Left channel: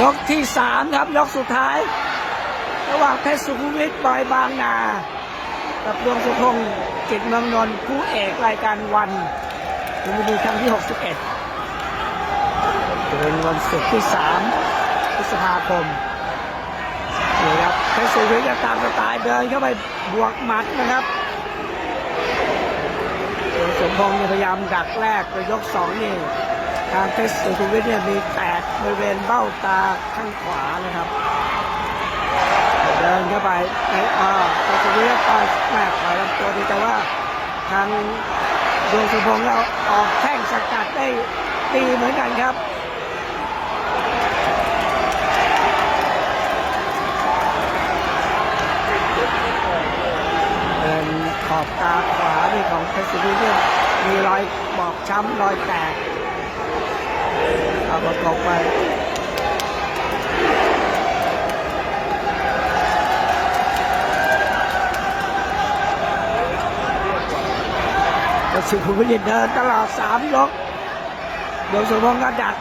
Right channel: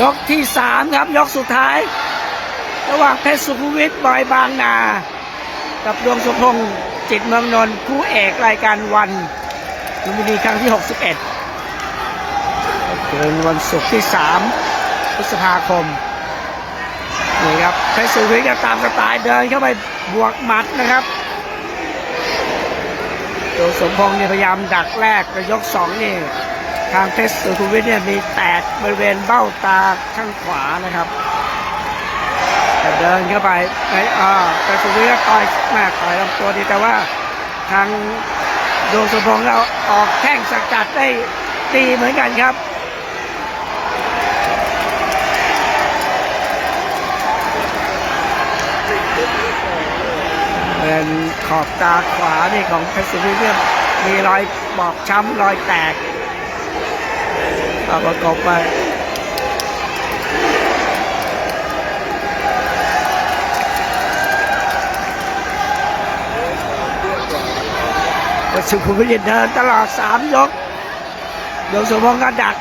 ยกที่สามครับ ยกสุดท้าย ระหว่างเพชรสุขุวิทบอยบางนา กับดวงสุพงศ์จิตเมืองนนท์คู่เอกรายการวันลุมพินีครั้งที่ 61เป็นวันศุกร์ที่ 3 พฤษภาคมนี่ครับเพชรสุขุวิทก็ตามสไตล์เดินเข้าไปบวกหมัดนะครับดวงสมพงศ์เนี่ยพยายามดักแรกแต่ยกสองนี่ ทางเพชรสุขุมวิทเนี่ยมีแตกบริเวณเบ้าตาข้างขวานะครับ เดินเข้าไปในอ่าแต่สุริยะต่อยแม่ต่อยลำตัวดีแต่ว่าทางดวงสุพงศ์เราออกแข้งสกัดได้ดีเหมือนกันครับเป็นขอบตาขวานี่ของเพชรสุริเลียมีรอยบอบช้ำรอยแตก อาประกอบไปก็สุขุมวิทเดินตลอดสามยกดวงสมพงษ์ก็ดัก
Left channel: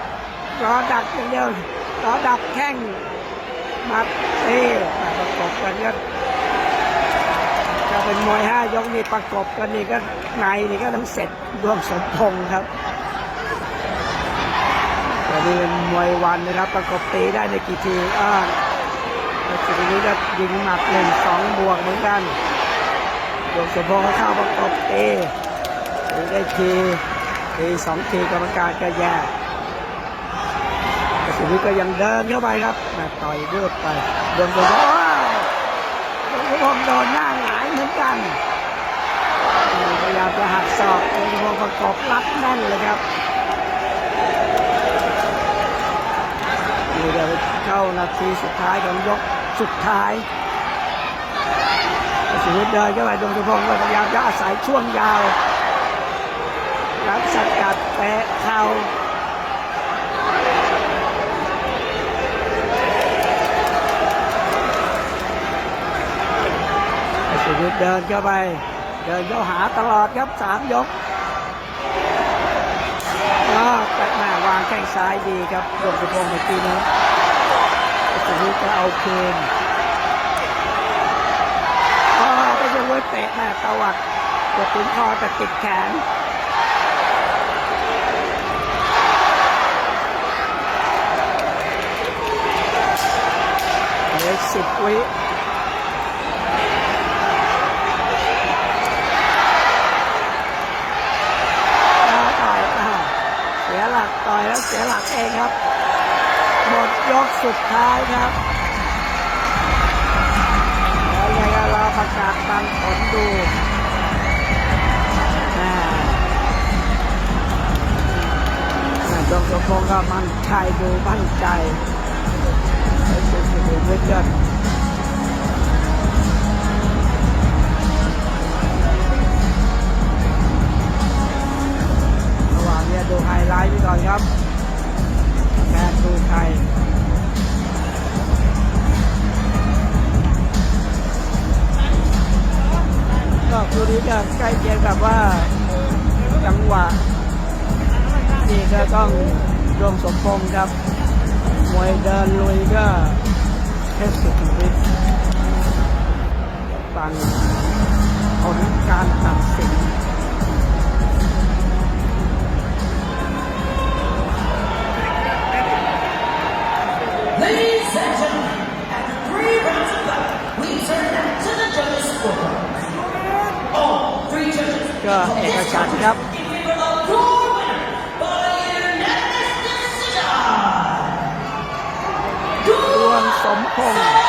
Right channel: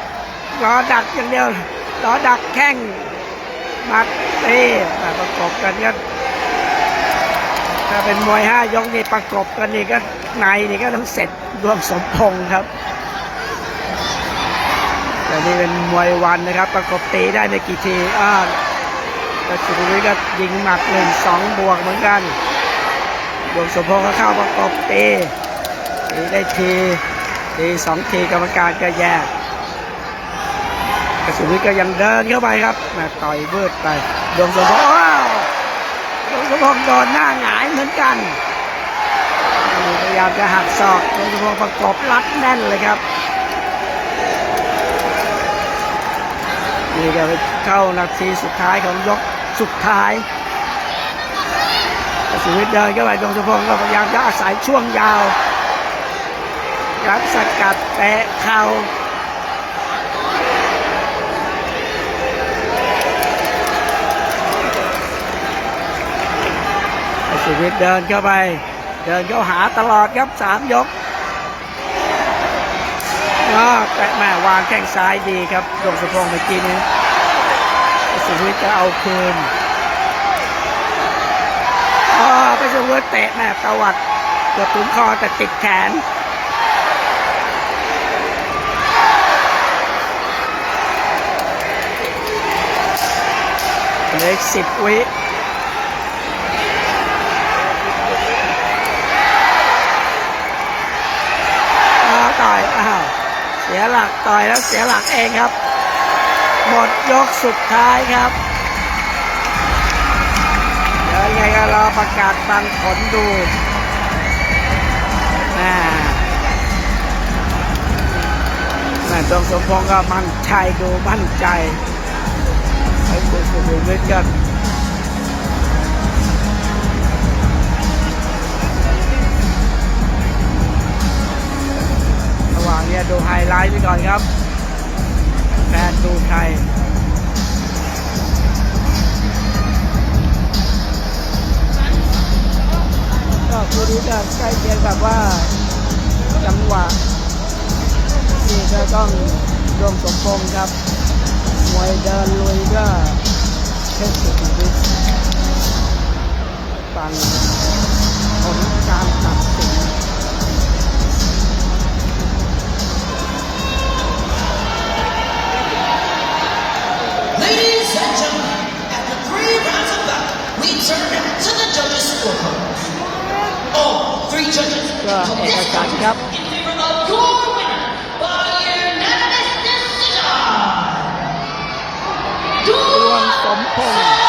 รอดักอย่างเดียวรอดักแข้งมัดเต้มาประกบกันก็ถ้าเป็นมวยห้ายกนี่ประกบกันนี่ก็ในนี่ก็ต้องเสร็จดวงสมพงษ์ครับ แต่นี่เป็นมวยวันนะครับประกบตีได้ในกี่ทีอ่าแล้วสุขุมวิทก็ยิงหมัดหนึ่งสองบวกเหมือนกันดวงสมพงษ์ก็เข้าประกบตีตีได้ทีทีสองทีกรรมการก็แยกกระสุนวิทก็ยังเดินเข้าไปครับมาต่อยเบิดไปดวงสมพงษ์ว้าวดวงสมพงษ์โดนหน้าหงายเหมือนกันพยายามจะหักศอกดวงสมพงษ์ประกบรัดแน่นเลยครับ นี่จะไปเข้านาทีสุดท้ายของยกสุดท้ายสุวิทย์เดินเข้าไปดวงสมพงษ์ก็พยายามจะอาศัยช่วงยาวครับสกัดแตะเข่าไอ้สุวิทย์เดินเข้าไป เดินเข้าหาตลอดครับสามยก อ่าแตะแม่วางแข้งซ้ายดีครับดวงสุพงศ์เมื่อกี้นี้สุวิทย์ก็เอาคืนอ่าไปสุวิทย์เตะแม่ตวัดเกือบถึงคอแต่ติดแขนเหลืออีกสิบวิอ้าวต่อยอ้าวเสีย หลักต่อยแล้วเสียหลักเองครับ หมดยกสุดท้ายครับ เดี๋ยวยังไงก็รอประกาศฟังผลดูอ่าแม่ตรงสมพงษ์ก็มั่นใจดูมั่นใจไอ้คุณสุขุมวิทกั ดูไฮไลท์ไปก่อนครับแฟนดูใครก็คู่นี้ก็ใกล้เคียงกับว่าจังหวะนี่ก็ต้องดวงสมพงษ์ครับมวยเดินลุยก็เพชรสุขุมวิทฟัง ก็เอกฉันครับดวงสมพงษ์